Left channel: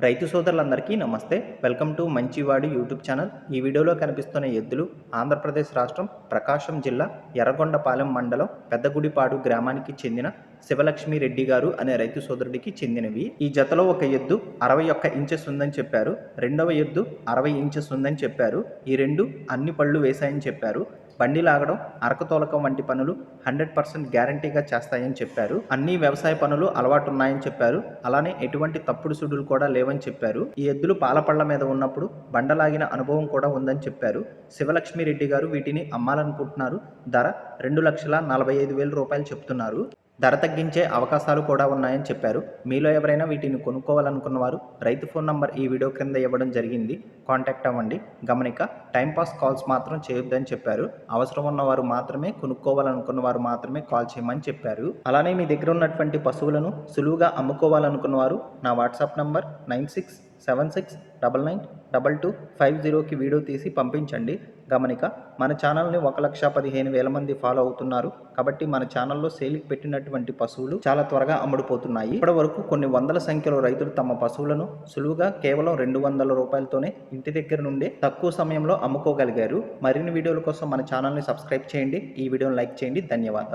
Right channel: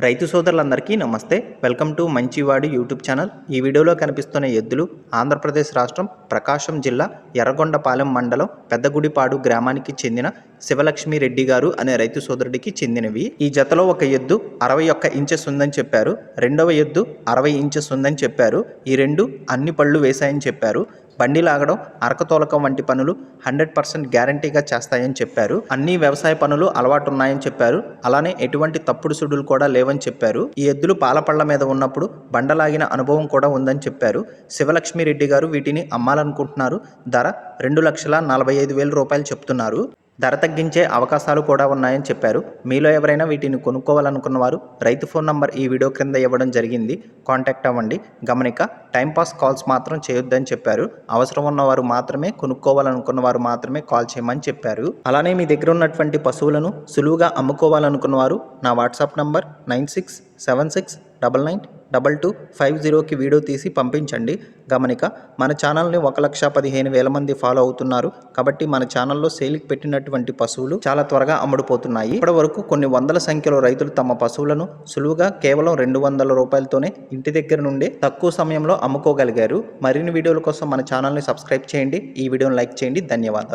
రైతు సోదరులందరికీ నమస్తే. వెల్కమ్ టు మంచివాడి యూట్యూబ్ ఛానల్. ఈ వీడియోలో కనిపిస్తున్న ఎద్దులు ఆంధ్రప్రదేశ్ రాష్ట్రం ప్రకాశం జిల్లా ఎర్రగొండపాలెం మండలం పెద్దగుడిపాడు గ్రామానికి చెందిన శివలక్ష్మి రెడ్డి గారు అనే రైతు సోదరుడికి చెందినవి. ఈ జతలో ఒక ఎద్దు 61 ఇంచెస్ ఉందని చెప్పారు. రెండవ ఎద్దు 60 ఇంచెస్ ఉందని చెప్పారు. ఈ రెండు అన్ని పళ్ళు వేశాయని చెప్పారు. బండి లాగడం, అరకతోలకం వంటి పనులు 100% గ్యారంటీగా చేస్తాయని చెప్పారు. అన్ని వ్యవసాయ పనులు అలవాటు ఉన్నాయని చెప్పారు. అలానే ఎటువంటి తప్పుడు సుడులు కూడా లేవని చెప్పారు. ఈ ఎద్దులు పాలపళ్ల మీద ఉన్నప్పుడు బండలాగిన అనుభవం కూడా ఉందని చెప్పారు. శివలక్ష్మి రెడ్డి గారు వీటిని అమ్మాలనుకుంటున్నారు. ధర 2,45,000 రూపాయలు చెప్తున్నారు. ధర తగ్గించే అవకాశాలు కూడా ఉన్నాయని చెప్పారు. మీలో ఎవరైనా వీటిని కొనుక్కోవాలనుకున్న వారు రైతు ఫోన్ నంబర్ ఈ వీడియో క్రింద ఇవ్వడం జరిగింది. కాంటాక్ట్ అవ్వండి. గమనిక, టైంపాస్ కాల్స్ మాత్రం చేయొద్దని చెప్పారు. అవసరం ఉన్నవారు మాత్రమే, కొనుక్కోవాలనుకున్న వారు మాత్రమే కాల్ చేయమని చెప్పారు. అలానే మీ దగ్గర ఉన్నటువంటి పశువులను సులువుగా అమ్ముకోవాలనుకున్న వారు నా వాట్సాప్ నంబర్ 9676992250కి వీడియో తీసి పంపించండి. గమనిక, మన ఛానల్ని 1,15,000 మంది ఫాలో అవుతున్నారు. కాబట్టి మన ఛానల్లో సేల్కి పెట్టినటువంటి పశువులు చాలా త్వరగా అమ్ముడుపోతున్నాయి. ఇప్పటి వరకు కొన్ని వందల సంఖ్యలో రైతులు తమ పశువులను సులువుగా కేవలం 200 రూపాయలతోనే ఇంటి దగ్గర నుండి తక్కువ సమయంలో అమ్ముకోగలిగారు. మరిన్ని వీడియోల కోసం మన ఛానల్ని సబ్స్క్రైబ్ చేయండి. ఈ వీడియోని లైక్ చేయండి. ధన్యవాదాలు.